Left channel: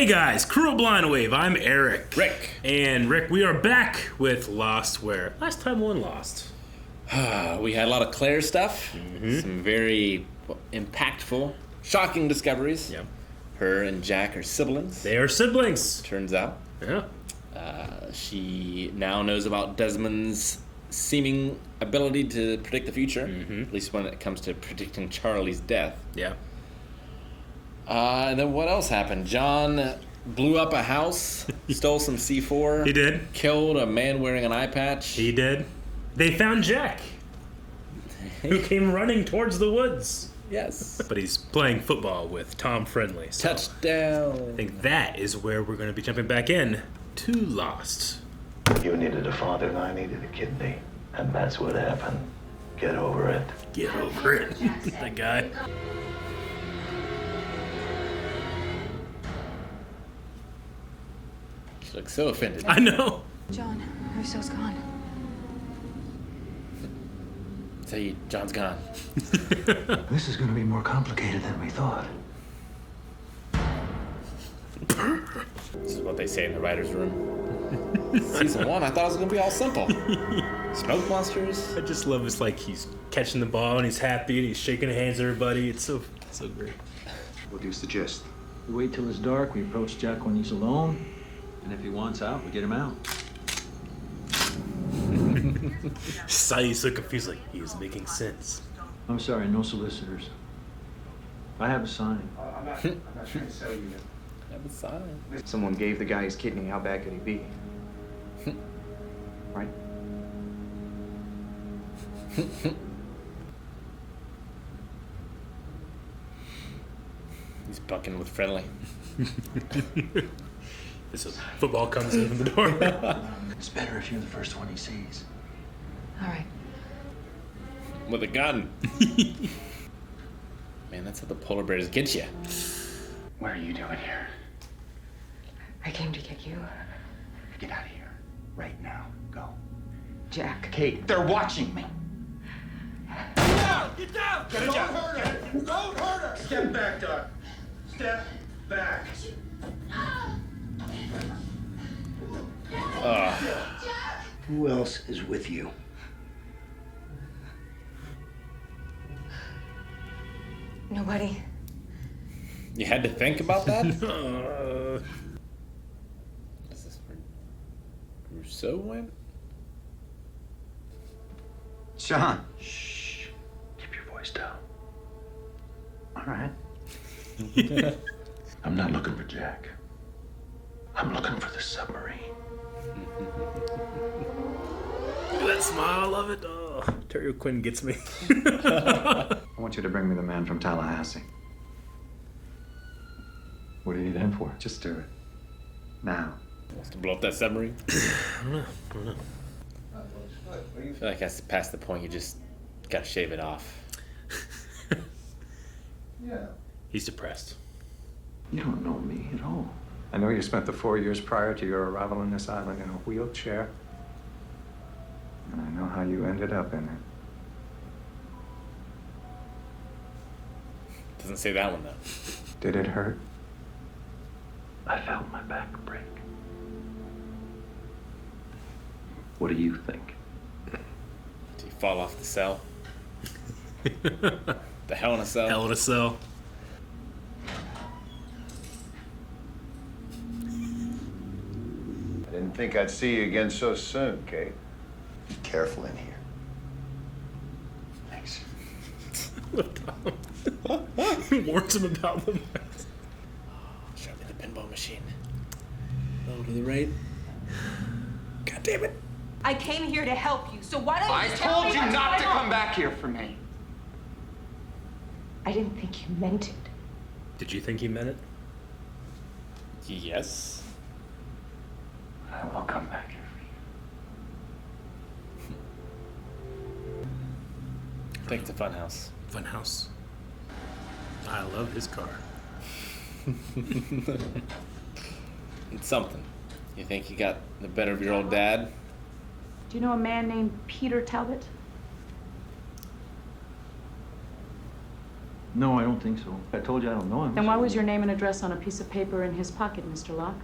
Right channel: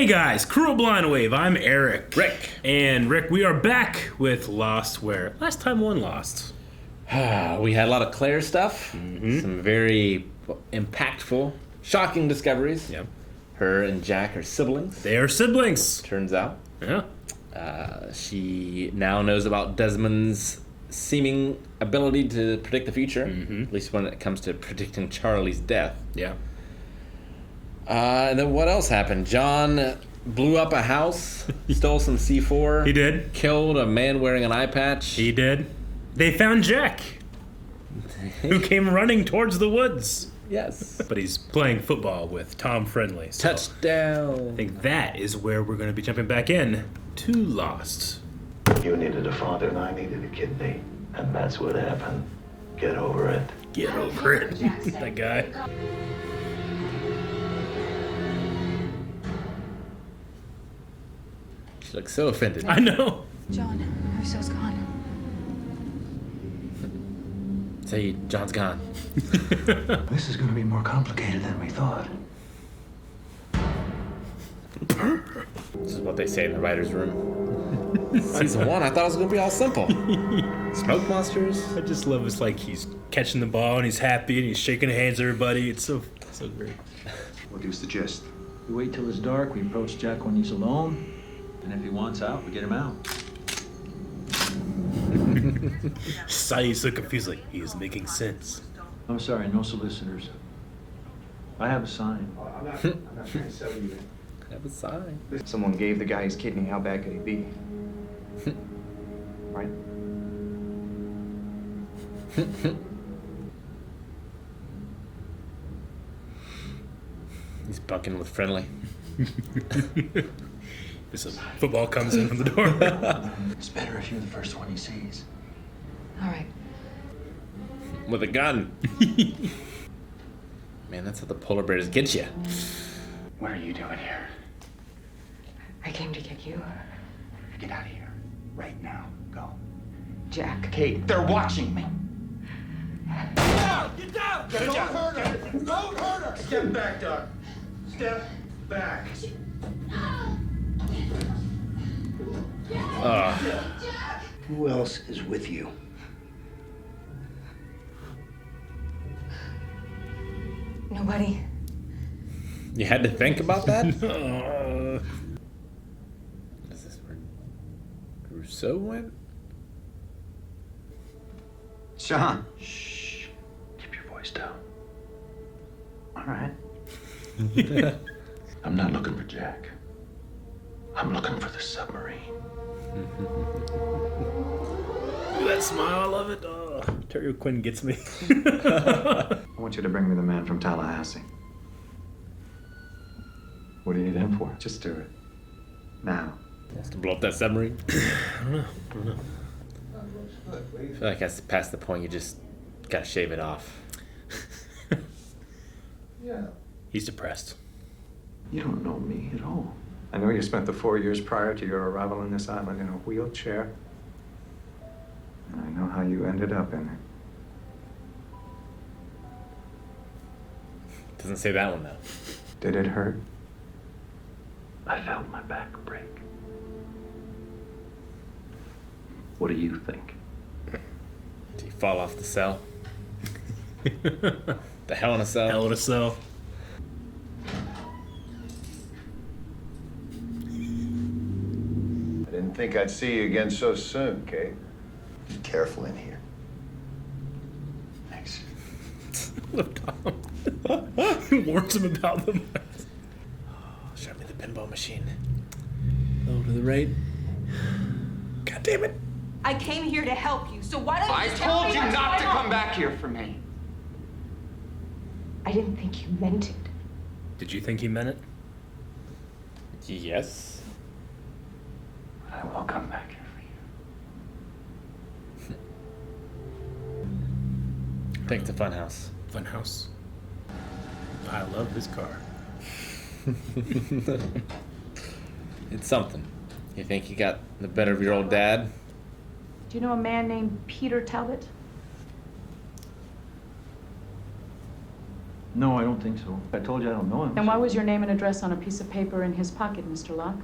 Hey guys, Crew of Blind Wave, I'm Eric. Rick. And Rick, we are back with Lost, where last time one Lost. We had a lot of Claire stuff, some very impactful, shocking discoveries. Yep. Her and Jack are siblings, They are siblings. turns out. Yeah. She now knows about Desmond's seeming ability to predict the future, at least when it comes to predicting Charlie's death. Yeah. And then what else happened? John blew up a house, stole some C4. He did. Killed a man wearing an eye patch. He did. They found Jack, who came running towards the woods. Yes. But he's playing football with Tom Friendly. So Touchdown. I think that is where we're going to be jumping back in to Lost. You needed a father and I needed a kidney. And that's what happened. Get over it. Get over it. That guy. She looks so offended. I know. John, Russo's gone. Say, John's gone. This is going to be more complicated than we thought. This is what they say in the writer's room. Season 1, I thought it was going to be all simple. Smoke monsters. I just love it's like he's catching the ball and he's happy and he's shaking hands with everybody. It's so great. What do you suggest? We wait till it's dark, we approach Jack when he's alone, and if he wants out, we get him out. Sonny's so confused, like he's making sense. I'm sorry, no solicitors. I have a sign. I'm not trying to sell you. Have a sign. Someone gave the guy his kidney. How bad could he be? Right? He's bucking with Friendly. This is football comes in from the door. It's better if you're the first one he sees. All right. With a gun. Man, that's how the polar bears get you. What are you doing here? I came to get you, Get out of here. Right now. Go. Jack. Kate, they're watching me. Get down! Don't hurt her! Don't hurt her! Step back, Doc. Step back. Who else is with you? Nobody. You had to think about that? Is this where Rousseau went? Sean. Shh. Keep your voice down. All right. I'm not looking for Jack. I'm looking for the submarine. That smile, I love it. Oh, Terry Quinn gets me. I want you to bring me the man from Tallahassee. What do you need him for? Just do it. Now. Wants to blow up that submarine? I feel like that's past the point you just gotta shave it off. He's depressed. You don't know me at all. I know you spent the 4 years prior to your arrival on this island in a wheelchair. And I know how you ended up in it. Doesn't say that one though. Did it hurt? I felt my back break. What do you think? Did you fall off the cell? The Hell in a Cell? Hell in a cell. I didn't think I'd see you again so soon, Kate. Be careful in here. Thanks. Warns him about them. Show me the pinball machine. Low to the right. God damn it. I came here to help you, so why don't you I just tell told me you what's not to going on? come back here for me. I didn't think you meant it. Did you think he meant it? Yes. I will come back here for you. I think it's a fun house. Fun house. I love his car. It's something. You think you got the better of your old dad? Do you know a man named Peter Talbot? No, I don't think so. I told you I don't know him. Then why was your name and address on a piece of paper in his pocket, Mr. Locke?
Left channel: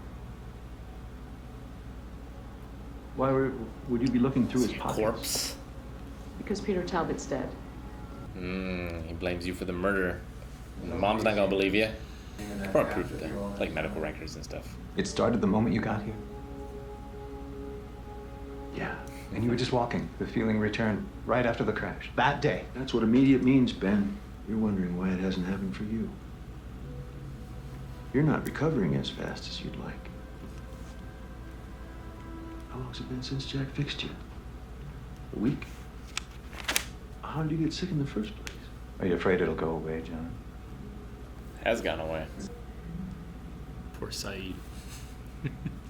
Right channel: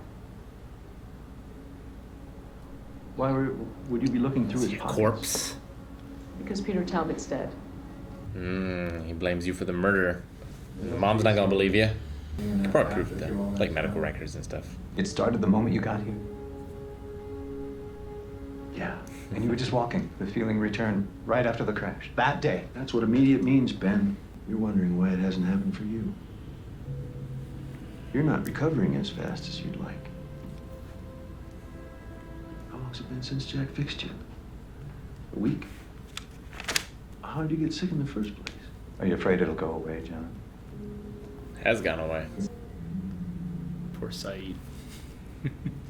Why would you be looking through his pockets? Corpse. Because Peter Talbot's dead. He blames you for the murder. Mom's not gonna believe you. Probably proof of that, like medical records and stuff. It started the moment you got here? Yeah. And you were just walking. The feeling returned right after the crash. That day. That's what immediate means, Ben. You're wondering why it hasn't happened for you. You're not recovering as fast as you'd like. How long's it been since Jack fixed you? A week? How did you get sick in the first place? Are you afraid it'll go away, John? Has gone away. Poor Saeed.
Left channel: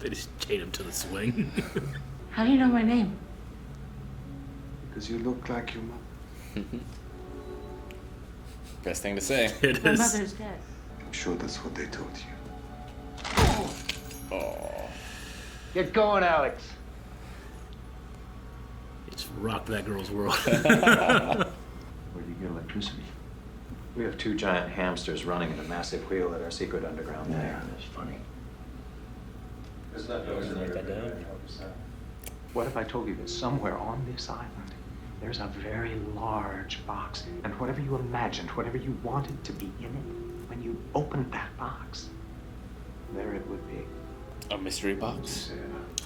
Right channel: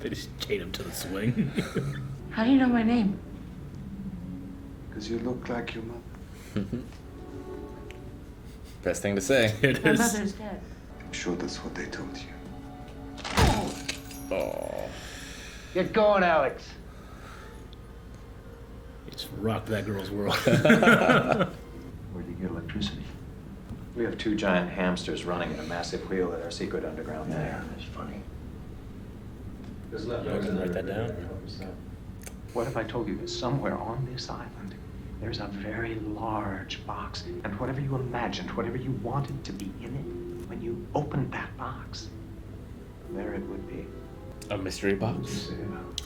They just chained him to the swing. How do you know my name? Because you look like your mother. Best thing to say. It My is. mother's dead. I'm sure that's what they told you. Oh. Get going, Alex. Just rocked that girl's world. Where do you get electricity? We have 2 giant hamsters running in a massive wheel at our secret underground lair. That's funny. Write that down. What if I told you that somewhere on this island, there's a very large box, and whatever you imagined, whatever you wanted to be in it, when you opened that box, there it would be. A mystery box?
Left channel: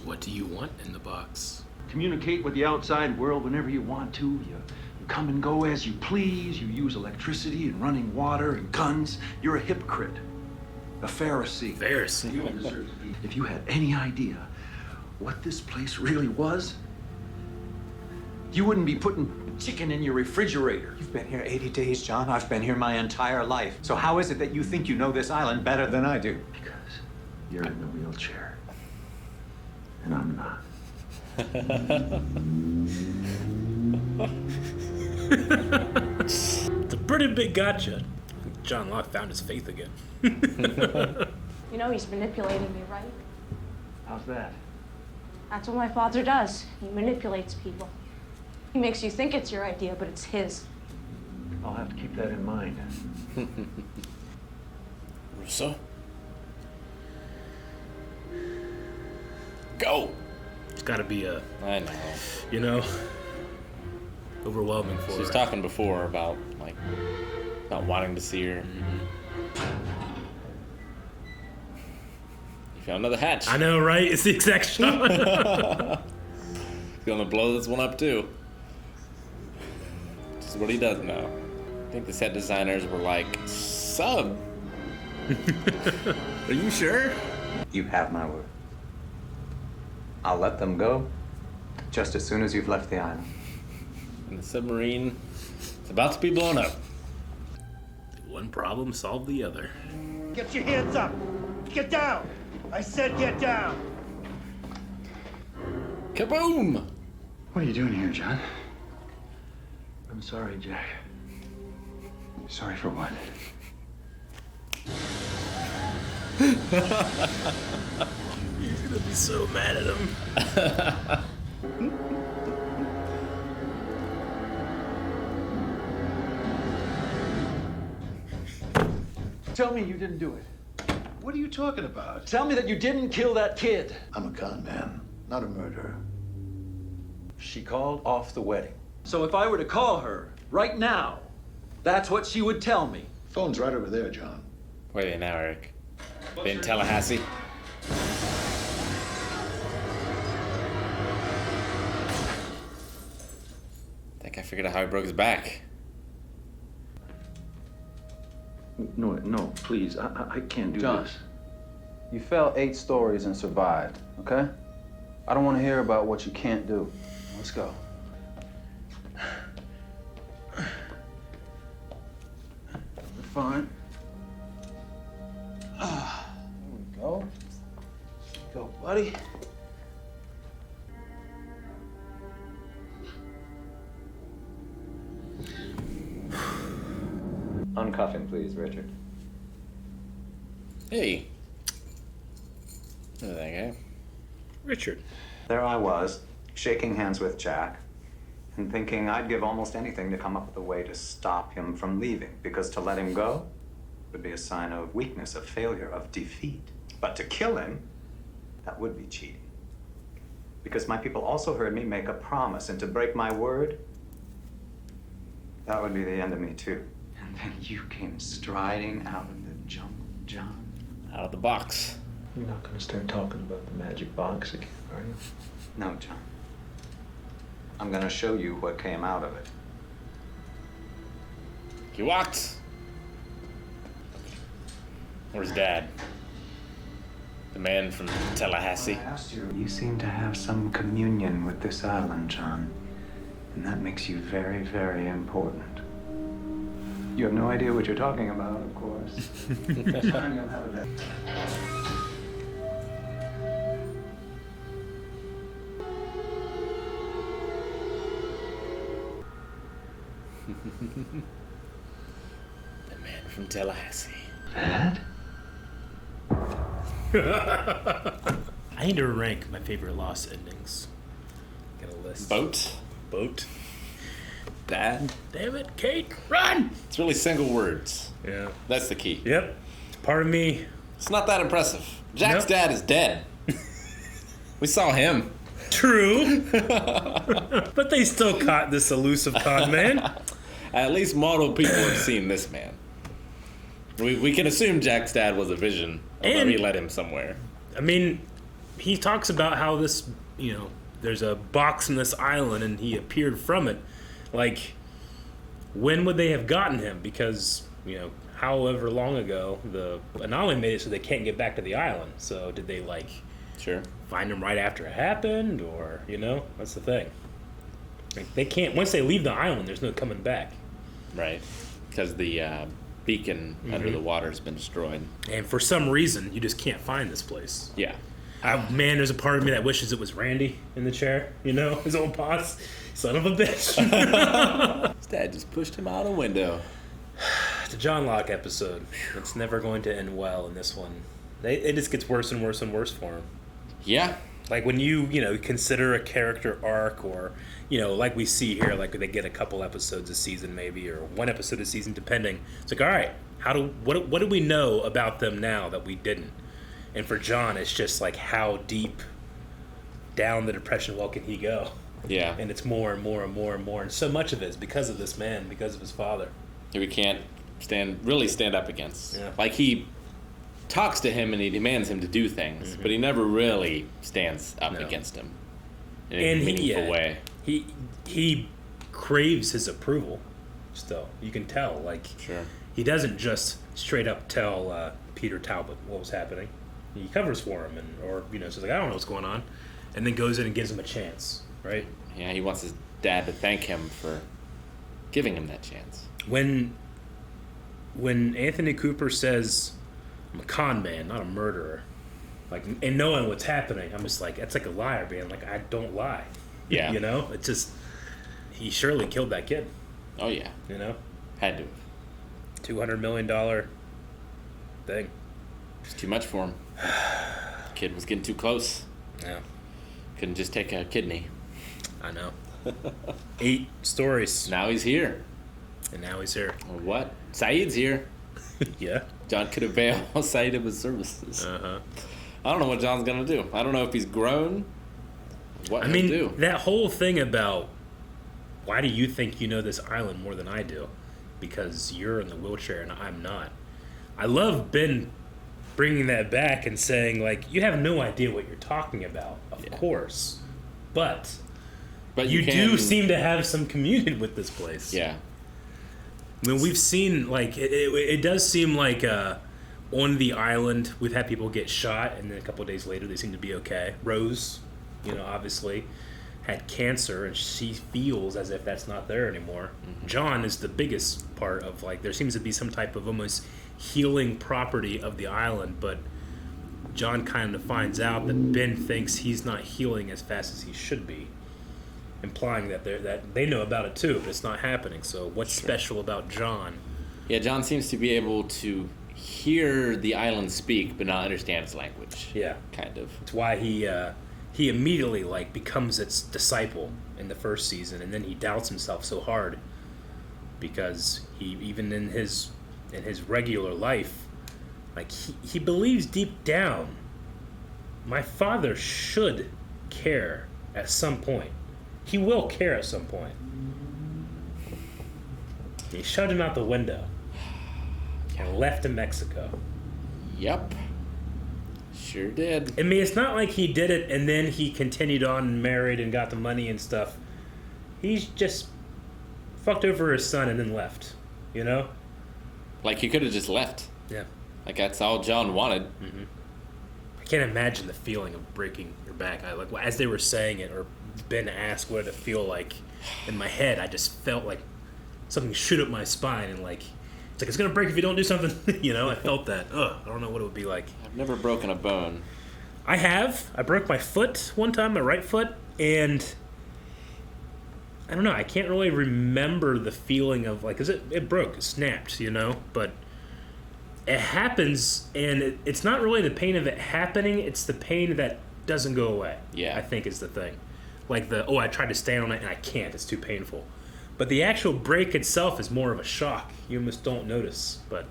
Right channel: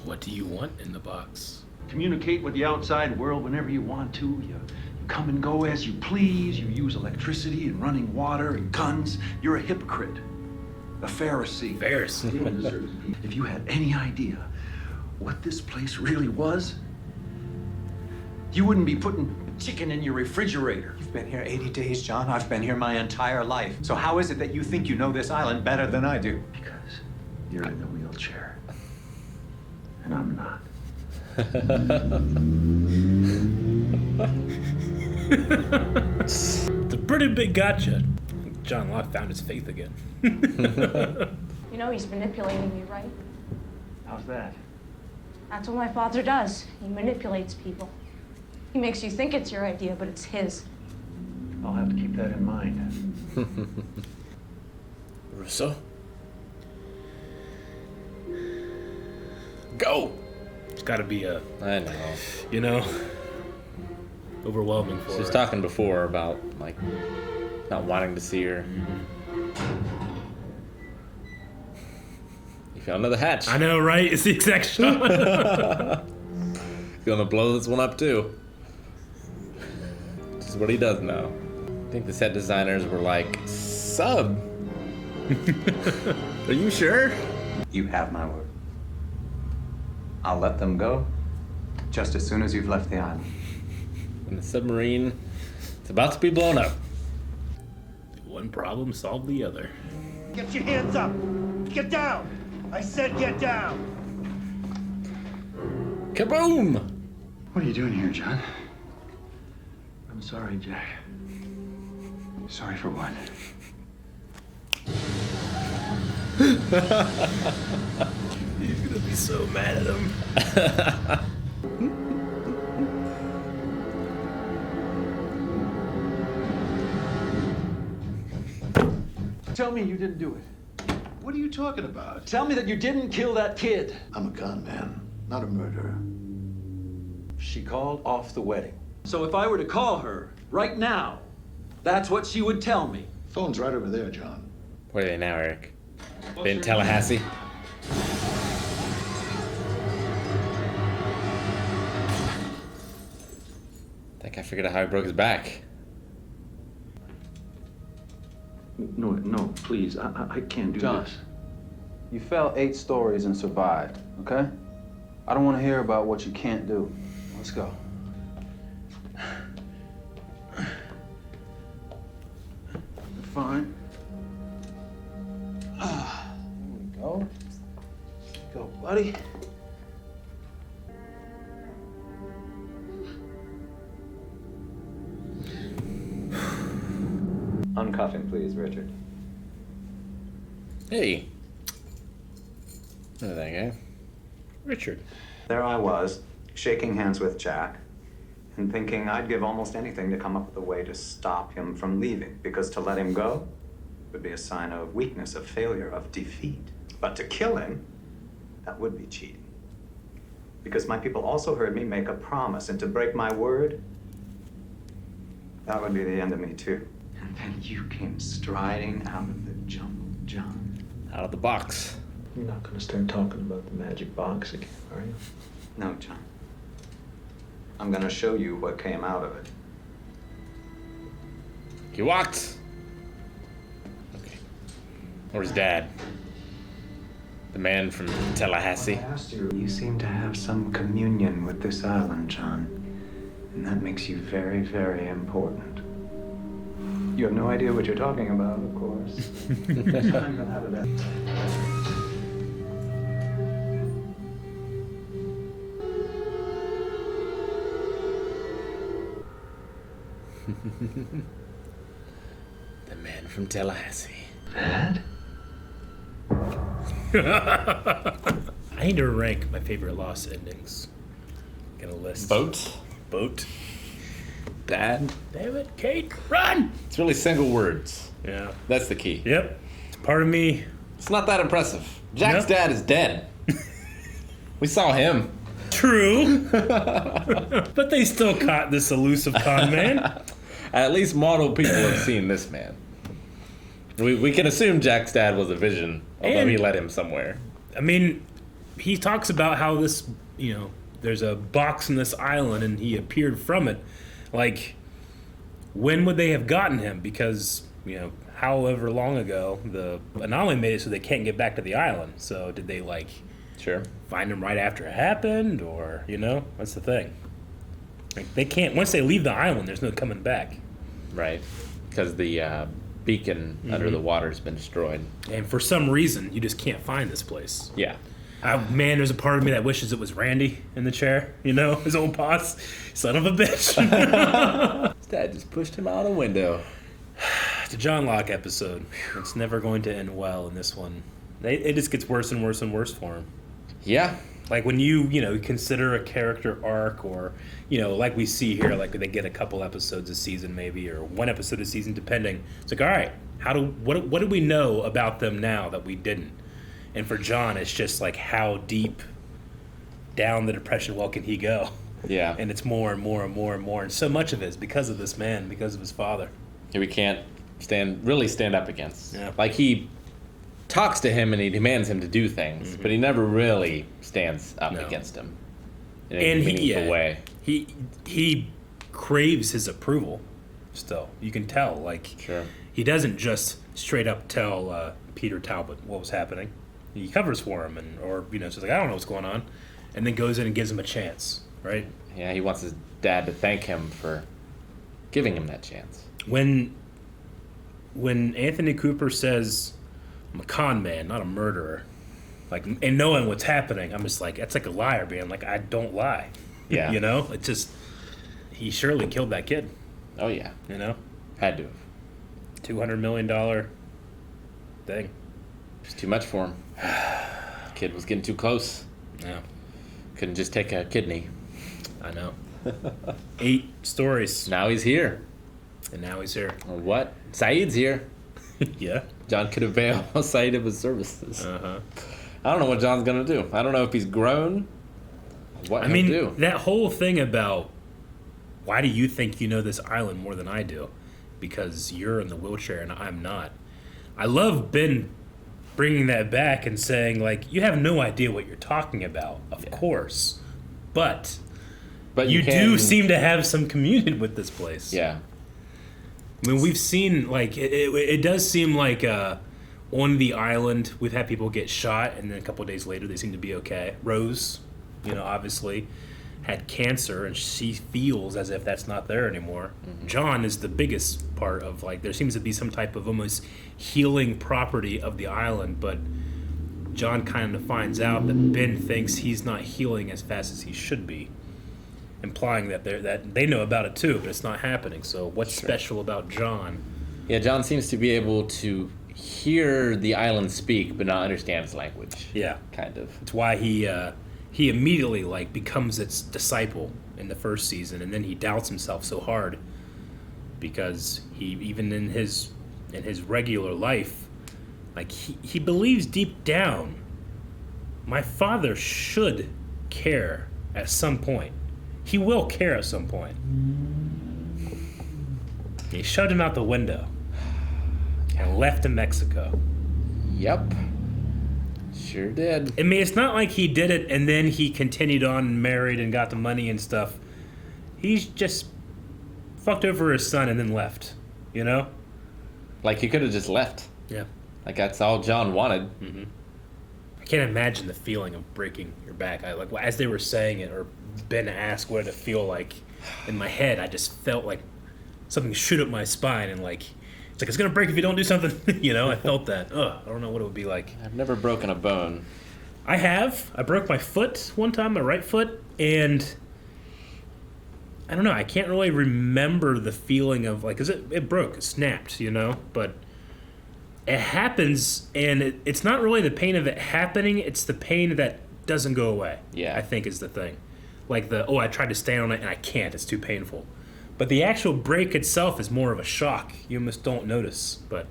What do you want in the box? Communicate with the outside world whenever you want to. You come and go as you please. You use electricity and running water and guns. You're a hypocrite. A Pharisee. Pharisee. If you had any idea what this place really was, you wouldn't be putting chicken in your refrigerator. You've been here 80 days, John. I've been here my entire life. So how is it that you think you know this island better than I do? Because you're in the wheelchair. And I'm not. It's a pretty big gotcha. John Locke found his faith again. You know he's manipulating me, right? How's that? That's what my father does. He manipulates people. He makes you think it's your idea, but it's his. I'll have to keep that in mind. Russo? Go! It's gotta be a, I know. you know, overwhelming for She was her. talking before about, like, not wanting to see her. You found another hatch. I know, right? It's the exact shot. He's gonna blow this one up, too. This is what he does now. I think the set designers were like, Sub? Are you sure? You have my word. I'll let them go just as soon as you've left the island. And the submarine is about to be blown up. One problem solved the other. Get your hands up! Get down! I said get down! Kaboom! What are you doing here, John? I'm sorry, Jack. Sorry for what? You're gonna be so mad at him. Tell me you didn't do it. What are you talking about? Tell me that you didn't kill that kid. I'm a con man, not a murderer. She called off the wedding. So if I were to call her right now, that's what she would tell me. Phone's right over there, John. Where are they now, Eric? They in Tallahassee? I think I figured out how he broke his back. No, please. I can't do John, this. you fell 8 stories and survived, okay? I don't want to hear about what you can't do. Let's go. You're fine. Here we go. Go, buddy. Uncuff him, please, Richard. Hey. Look at that guy. Richard. There I was, shaking hands with Jack, and thinking I'd give almost anything to come up with a way to stop him from leaving, because to let him go would be a sign of weakness, of failure, of defeat. But to kill him, that would be cheating. Because my people also heard me make a promise, and to break my word, that would be the end of me too. And then you came striding out of the jungle, John. Out of the box. You're not gonna start talking about the magic box again, are you? No, John. I'm gonna show you what came out of it. He walked. Okay. Where's Dad? The man from Tallahassee. I asked you. You seem to have some communion with this island, John. And that makes you very, very important. You have no idea what you're talking about, of course. The man from Tallahassee. Dad? I need to rank my favorite Lost endings. Get a list. Boat. Dad. David, Kate, run! It's really single words. Yeah. That's the key. Yep. It's part of me. It's not that impressive. Jack's dad is dead. We saw him. True. But they still caught this elusive con man. At least model people have seen this man. We can assume Jack's dad was a vision, although he led him somewhere. I mean, he talks about how this, there's a box in this island and he appeared from it. Like, when would they have gotten him? Because, however long ago, the anomaly made it so they can't get back to the island. So did they, find him right after it happened? Or, that's the thing. Like, they can't, once they leave the island, there's no coming back. Right. Because the beacon under the water's been destroyed. And for some reason, you just can't find this place. Yeah. Man, there's a part of me that wishes it was Randy in the chair, his old boss. Son of a bitch. His dad just pushed him out a window. It's a John Locke episode. It's never going to end well in this one. It just gets worse and worse and worse for him. Yeah. Like when you consider a character arc or, like we see here, like they get a couple episodes a season maybe, or one episode a season depending. It's like, all right, what do we know about them now that we didn't? And for John, it's just like how deep down the depression well can he go? Yeah. And it's more and more and more and more. And so much of it is because of this man, because of his father. We can't really stand up against. Yeah. Like, he talks to him and he demands him to do things, but he never really stands up against him in a meaningful way. He craves his approval still. You can tell. Like, he doesn't just straight up tell Peter Talbot what was happening. He covers for him, or says like, I don't know what's going on, and then goes in and gives him a chance. Right? Yeah, he wants his dad to thank him for giving him that chance. When Anthony Cooper says, I'm a con man, not a murderer, like, and knowing what's happening, I'm just like, that's like a liar, man. Like, I don't lie. Yeah. It's just, he surely killed that kid. Oh, yeah. Had to have. $200 million thing. It's too much for him. Kid was getting too close. Yeah. Couldn't just take a kidney. I know. 8 stories. Now he's here. And now he's here. Well, what? Saeed's here. Yeah. John could avail Saeed of his services. I don't know what John's gonna do. I don't know if he's grown. What he'll do. That whole thing about why do you think you know this island more than I do? Because you're in the wheelchair and I'm not. I love Ben bringing that back and saying, like, you have no idea what you're talking about, of course. But you do seem to have some communion with this place. Yeah. I mean, we've seen, like, it does seem like on the island, we've had people get shot, and then a couple of days later, they seem to be okay. Rose, obviously had cancer, and she feels as if that's not there anymore. Mm-hmm. John is the biggest part of, like, there seems to be some type of almost healing property of the island, but John kind of finds out that Ben thinks he's not healing as fast as he should be, implying that they know about it too, but it's not happening. So what's special about John? Yeah, John seems to be able to hear the island speak, but not understand its language. Yeah, kind of. It's why he he immediately like becomes its disciple in the first season, and then he doubts himself so hard because he even in his regular life, like he believes deep down, my father should care at some point. He will care at some point. He shoved him out the window and left to Mexico. Yep. Sure did. I mean, it's not like he did it and then he continued on and married and got the money and stuff. He's just fucked over his son and then left, you know? Like, he could have just left. Yeah. Like, that's all John wanted. Mm-hmm. I can't imagine the feeling of breaking your back. As they were saying it, or Ben asked what did it feel like, in my head, I just felt like something shoot up my spine and like, it's gonna break if you don't do something. You know, I felt that. I don't know what it would be like. I've never broken a bone. I have. I broke my foot one time, my right foot, and I don't know. I can't really remember the feeling of like, 'cause it broke, it snapped, you know. But it happens, and it's not really the pain of it happening. It's the pain that doesn't go away. Yeah. I think is the thing. Like I tried to stand on it and I can't. It's too painful. But the actual break itself is more of a shock. You almost don't notice. But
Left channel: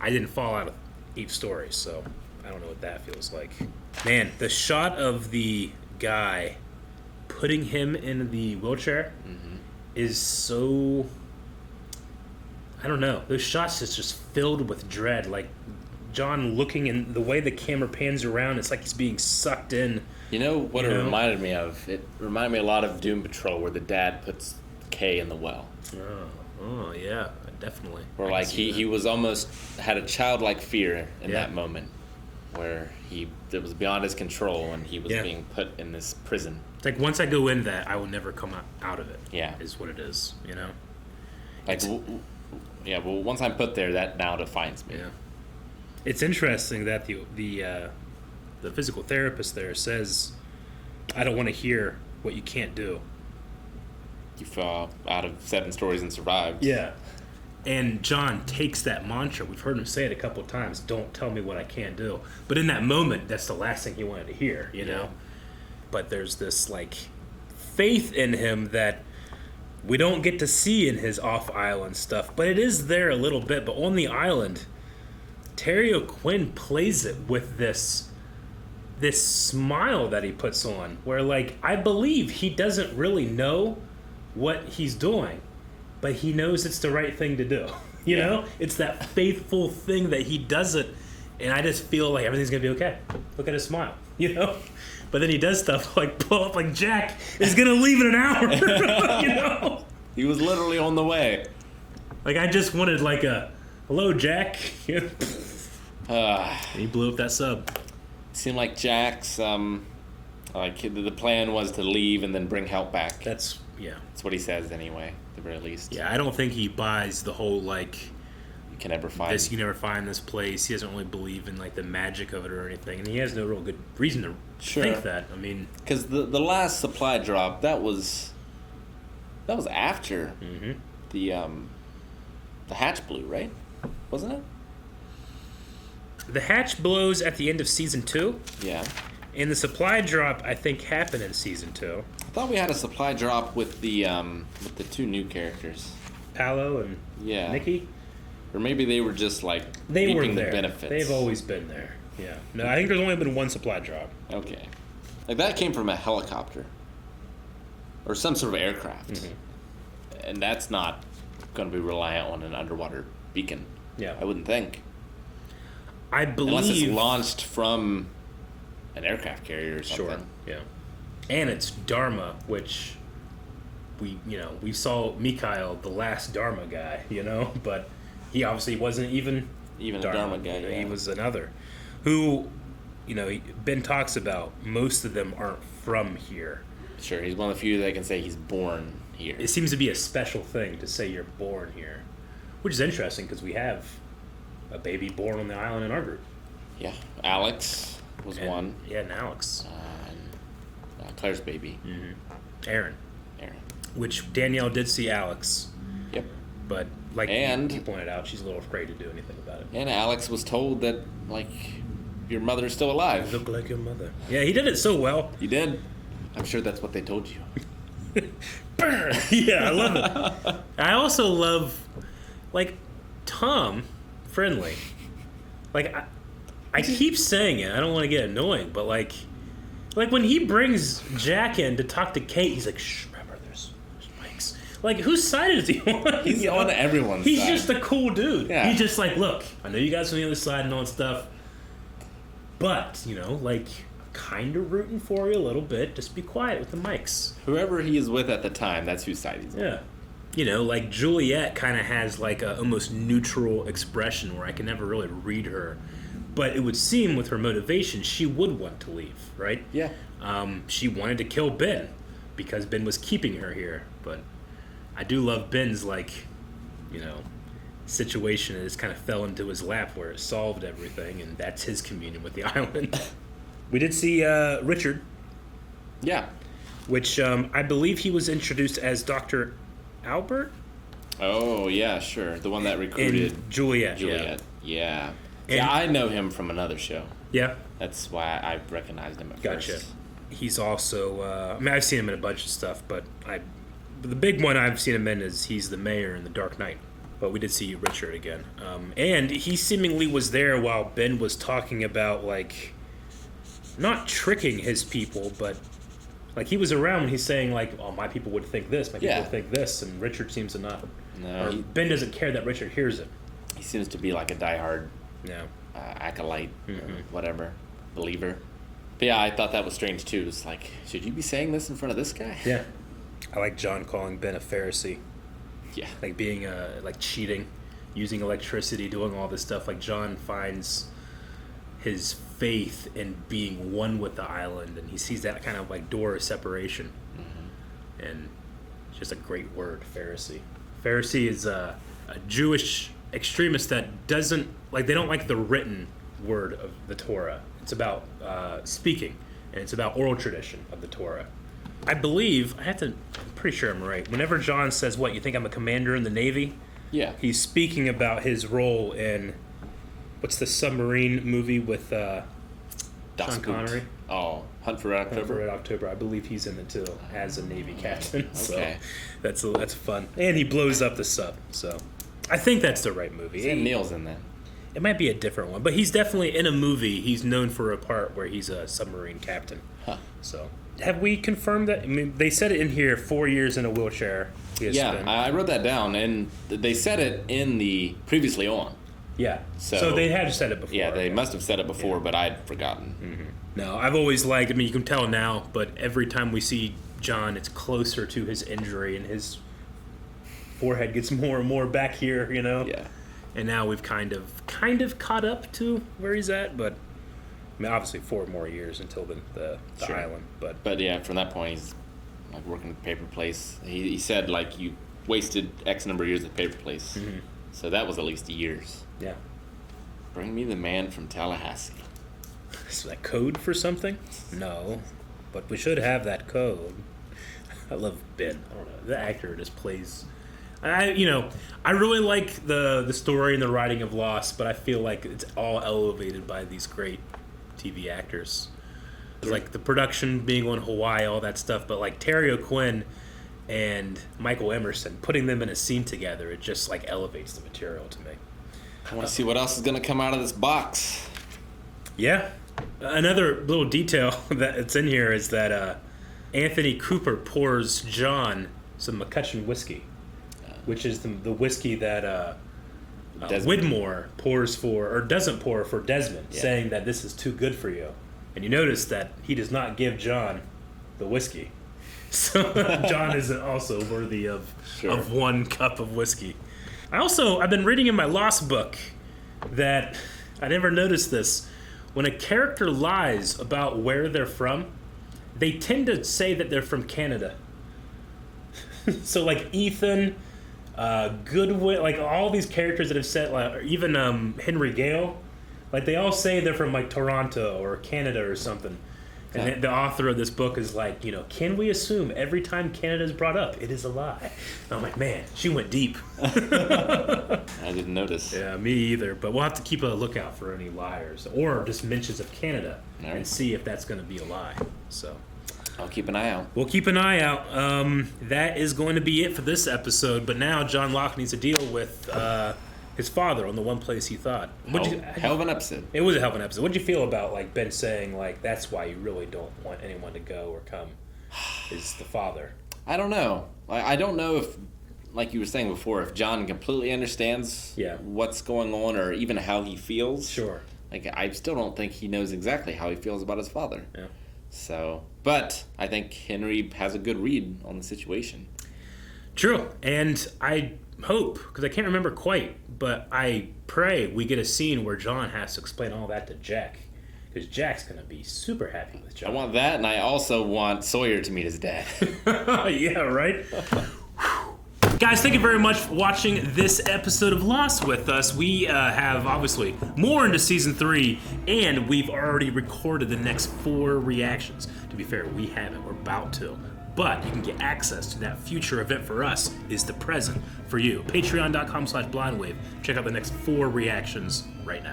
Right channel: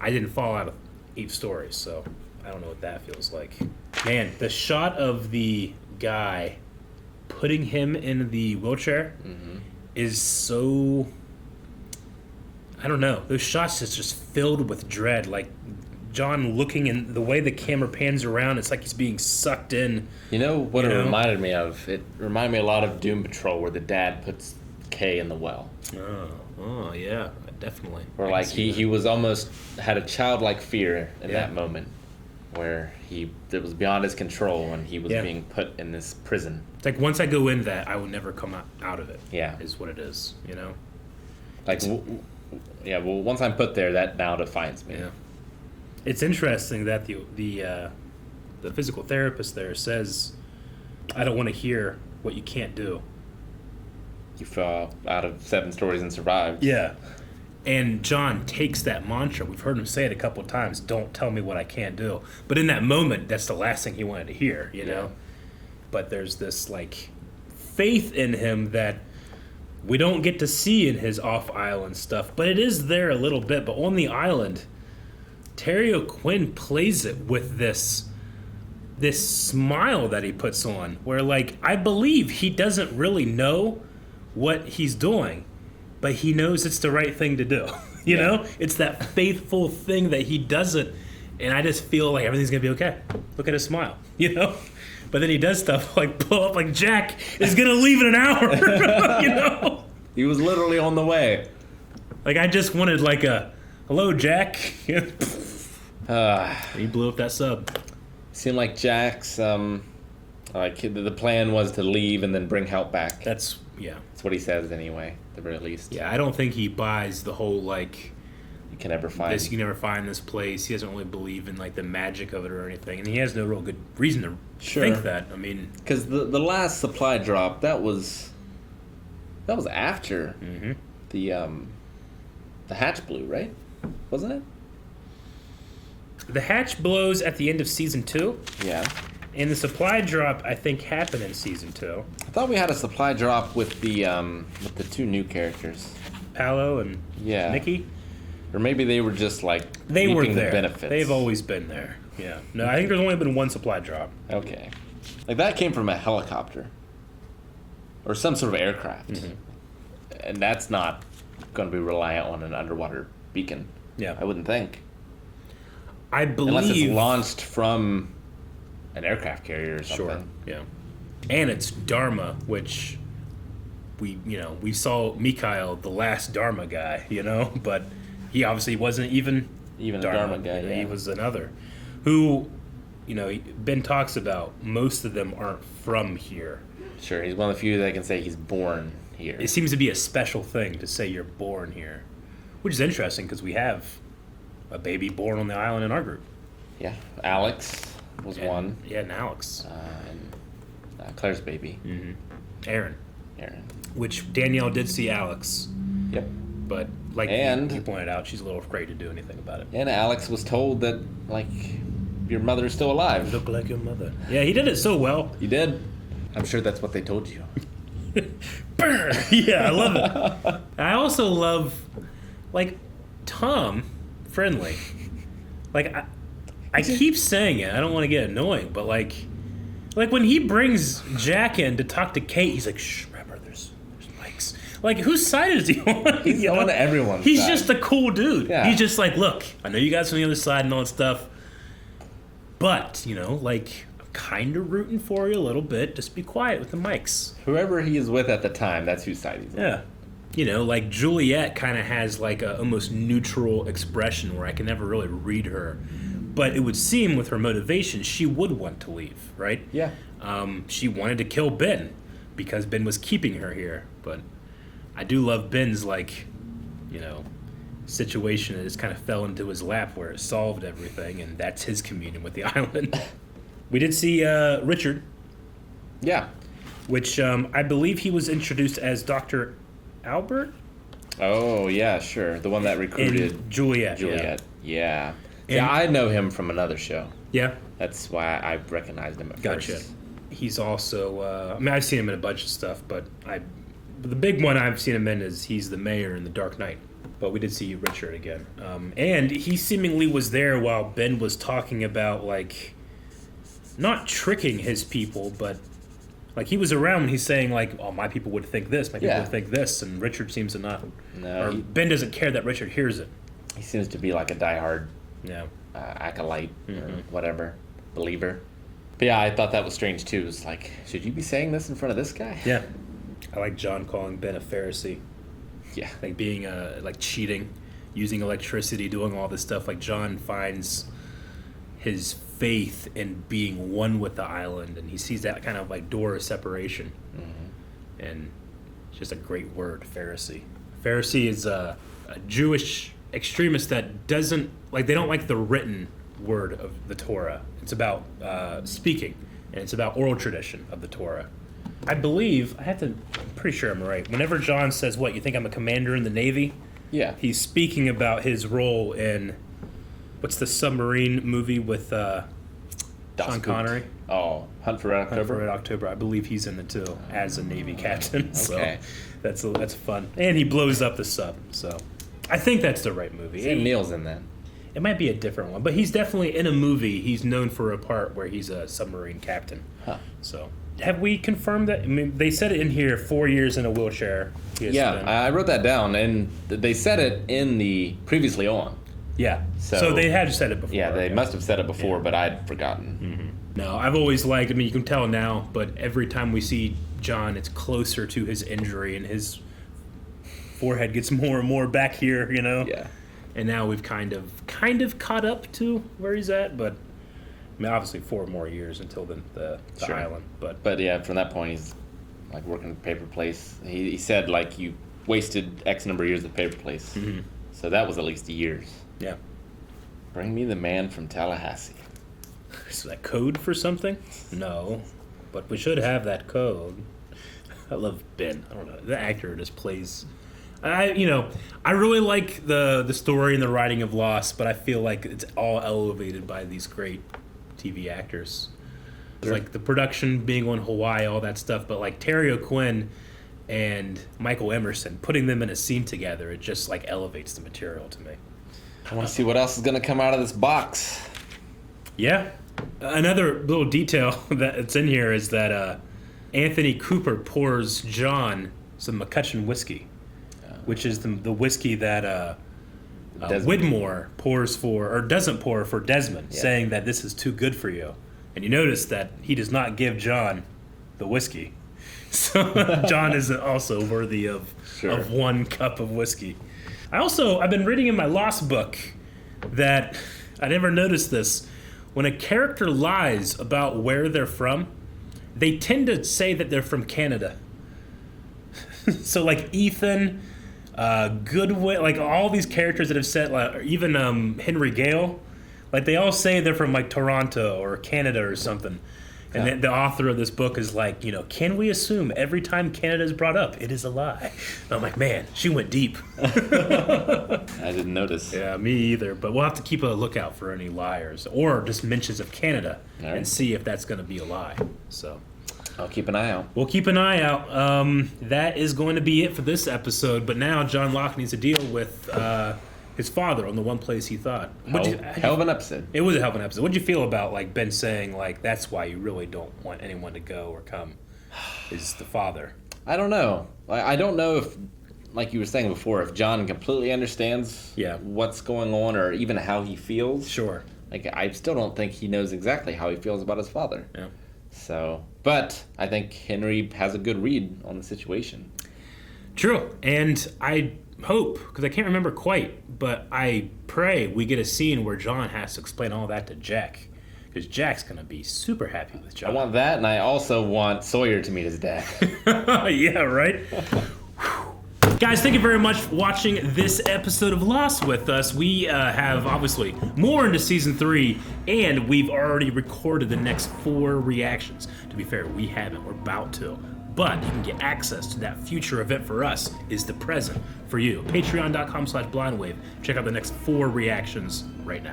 I didn't fall out of Eve's story, so I don't know what that feels like. Man, the shot of the guy putting him in the wheelchair is so... I don't know. Those shots is just filled with dread. Like, John looking, and the way the camera pans around, it's like he's being sucked in. You know what it reminded me of? It reminded me a lot of Doom Patrol, where the dad puts Kay in the well. Oh yeah, definitely. Where like he was almost had a childlike fear in that moment, where it was beyond his control and he was being put in this prison. It's like once I go in that, I will never come out of it. Yeah, is what it is. You know. Like, well, once I'm put there, that now defines me. Yeah. It's interesting that the physical therapist there says, "I don't want to hear what you can't do." You fell out of 7 stories and survived. Yeah. And John takes that mantra. We've heard him say it a couple of times. Don't tell me what I can't do. But in that moment, that's the last thing he wanted to hear, you know? But there's this, like, faith in him that we don't get to see in his off-island stuff. But it is there a little bit. But on the island, Terry O'Quinn plays it with this smile that he puts on. Where, like, I believe he doesn't really know what he's doing, but he knows it's the right thing to do. You know? It's that faithful thing that he does it, and I just feel like everything's gonna be okay. Look at his smile, you know? But then he does stuff like pull up like Jack is gonna leave in an hour. You know? He was literally on the way. Like, I just wanted like a hello, Jack. He blew up that sub. Seemed like Jack's like the plan was to leave and then bring help back. That's what he says anyway, at the very least. Yeah, I don't think he buys the whole like you can never find this place. He doesn't really believe in like the magic of it or anything, and he has no real good reason to think that. I mean, because the last supply drop that was after the hatch blew, right? Wasn't it? The hatch blows at the end of season 2. Yeah. And the supply drop, I think, happened in season 2. I thought we had a supply drop with the 2 new characters, Paolo and Nikki. Or maybe they were just like they were there. The benefits. They've always been there. Yeah. No, I think there's only been 1 supply drop. Okay. Like that came from a helicopter or some sort of aircraft, and that's not going to be reliant on an underwater beacon. Yeah. I wouldn't think. I believe unless it's launched from an aircraft carrier or something. Sure. Yeah. And it's Dharma, which we saw Mikhail, the last Dharma guy, but he obviously wasn't even a Dharma guy. Yeah. He was another who, Ben talks about. Most of them aren't from here. Sure, he's one of the few that can say he's born here. It seems to be a special thing to say you're born here, which is interesting because we have a baby born on the island in our group. Yeah, Alex was one. Yeah, and Alex. And Claire's baby. Aaron. Which Danielle did see Alex. Yep. But like you pointed out, she's a little afraid to do anything about it. And Alex was told that, like, your mother's still alive. You look like your mother. Yeah, he did it so well. You did. I'm sure that's what they told you. Yeah, I love it. I also love, like, Tom Friendly. Like, I keep saying it. I don't want to get annoying, but like when he brings Jack in to talk to Kate, he's like, shh, remember, there's mics. Like, whose side is he on? He's on everyone's He's side. just a cool dude. Yeah. He's just like, look, I know you guys on the other side and all that stuff, but, you know, like, I'm kind of rooting for you a little bit. Just be quiet with the mics. Whoever he is with at the time, that's whose side he's on. Yeah. You know, like, Juliet kind of has, like, a almost neutral expression where I can never really read her. But it would seem with her motivation, she would want to leave, right? Yeah. She wanted to kill Ben because Ben was keeping her here. But I do love Ben's, like, you know, situation that just kind of fell into his lap where it solved everything, and that's his communion with the island. We did see Richard. Yeah. Which I believe he was introduced as Dr. Albert? Oh, yeah, sure. The one that recruited In Juliet. Yeah. And Yeah, I know him from another show. Yeah. That's why I recognized him at first. He's also, I mean, I've seen him in a bunch of stuff, but the big one I've seen him in is he's the mayor in The Dark Knight. But we did see Richard again. And he seemingly was there while Ben was talking about, like, not tricking his people, but, like, he was around when he's saying, like, oh, my people would think this, my people would think this, and Richard seems to not. No, Ben doesn't care that Richard hears it. He seems to be like a diehard Yeah. acolyte or whatever, believer. But yeah, I thought that was strange too. It's like, should you be saying this in front of this guy? Yeah. I like John calling Ben a Pharisee. Yeah. Like being, like cheating, using electricity, doing all this stuff. Like John finds his faith in being one with the island, and he sees that kind of like door of separation. And it's just a great word, Pharisee. Pharisee is a Jewish extremist that doesn't, like, they don't like the written word of the Torah. It's about speaking, and it's about oral tradition of the Torah. I believe, I'm pretty sure I'm right. Whenever John says, what, you think I'm a commander in the Navy? Yeah. He's speaking about his role in, what's the Submarine movie with Sean Connery? Oh, Hunt for Red October? Hunt for Red October. I believe he's in it too, as a Navy captain. Okay. So that's fun. And he blows up the sub, so I think that's the right movie. Sam Neill's in that. It might be a different one, but he's definitely in a movie. He's known for a part where he's a submarine captain. Huh. So, have we confirmed that? I mean, they said it in here, 4 years in a wheelchair. Yeah, I wrote that down, and they said it in the previously on. Yeah. So they had said it before. Yeah, they must have said it before, but I'd forgotten. No, I've always liked, I mean, you can tell now, but every time we see John, it's closer to his injury, and his forehead gets more and more back here, you know? Yeah. And now we've kind of caught up to where he's at, but I mean, obviously 4 more years until the island. But yeah, from that point, he's like working at Paper Place. He said like you wasted X number of years at Paper Place, so that was at least years. Yeah. Bring me the man from Tallahassee. Is that code for something? No, but we should have that code. I love Ben. I don't know. The actor just plays. I really like the story and the writing of Lost, but I feel like it's all elevated by these great TV actors. It's like the production being on Hawaii, all that stuff, but like Terry O'Quinn and Michael Emerson, putting them in a scene together, it just like elevates the material to me. I want to see what else is going to come out of this box. Yeah. Another little detail that's in here is that Anthony Cooper pours John some McCutcheon whiskey, which is the whiskey that Widmore pours for, or doesn't pour for Desmond, saying that this is too good for you. And you notice that he does not give John the whiskey. So John isn't also worthy of 1 cup of whiskey. I've been reading in my Lost book that I never noticed this. When a character lies about where they're from, they tend to say that they're from Canada. So like Ethan, Goodwin, like all these characters that have said, like even Henry Gale, like they all say they're from like Toronto or Canada or something. And the author of this book is like, can we assume every time Canada is brought up, it is a lie? And I'm like, man, she went deep. I didn't notice. Yeah, me either. But we'll have to keep a lookout for any liars or just mentions of Canada and see if that's going to be a lie. So I'll keep an eye out. we'll keep an eye out. That is going to be it for this episode. But now John Locke needs to deal with his father on the one place he thought. Hell of an episode. It was a hell of an episode. What'd you feel about Ben saying that's why you really don't want anyone to go or come? Is the father? I don't know. I don't know if, like you were saying before, if John completely understands what's going on or even how he feels. Sure. I still don't think he knows exactly how he feels about his father. Yeah. So, but I think Henry has a good read on the situation. True, and I hope, because I can't remember quite, but I pray we get a scene where John has to explain all that to Jack, because Jack's going to be super happy with John. I want that, and I also want Sawyer to meet his dad. Yeah, right? Guys, thank you very much for watching this episode of Lost with us. We have, obviously, more into Season 3, and we've already recorded the next 4 reactions. To be fair, we haven't. We're about to. But you can get access to that future event for us is the present for you. Patreon.com/blindwave. Check out the next 4 reactions right now.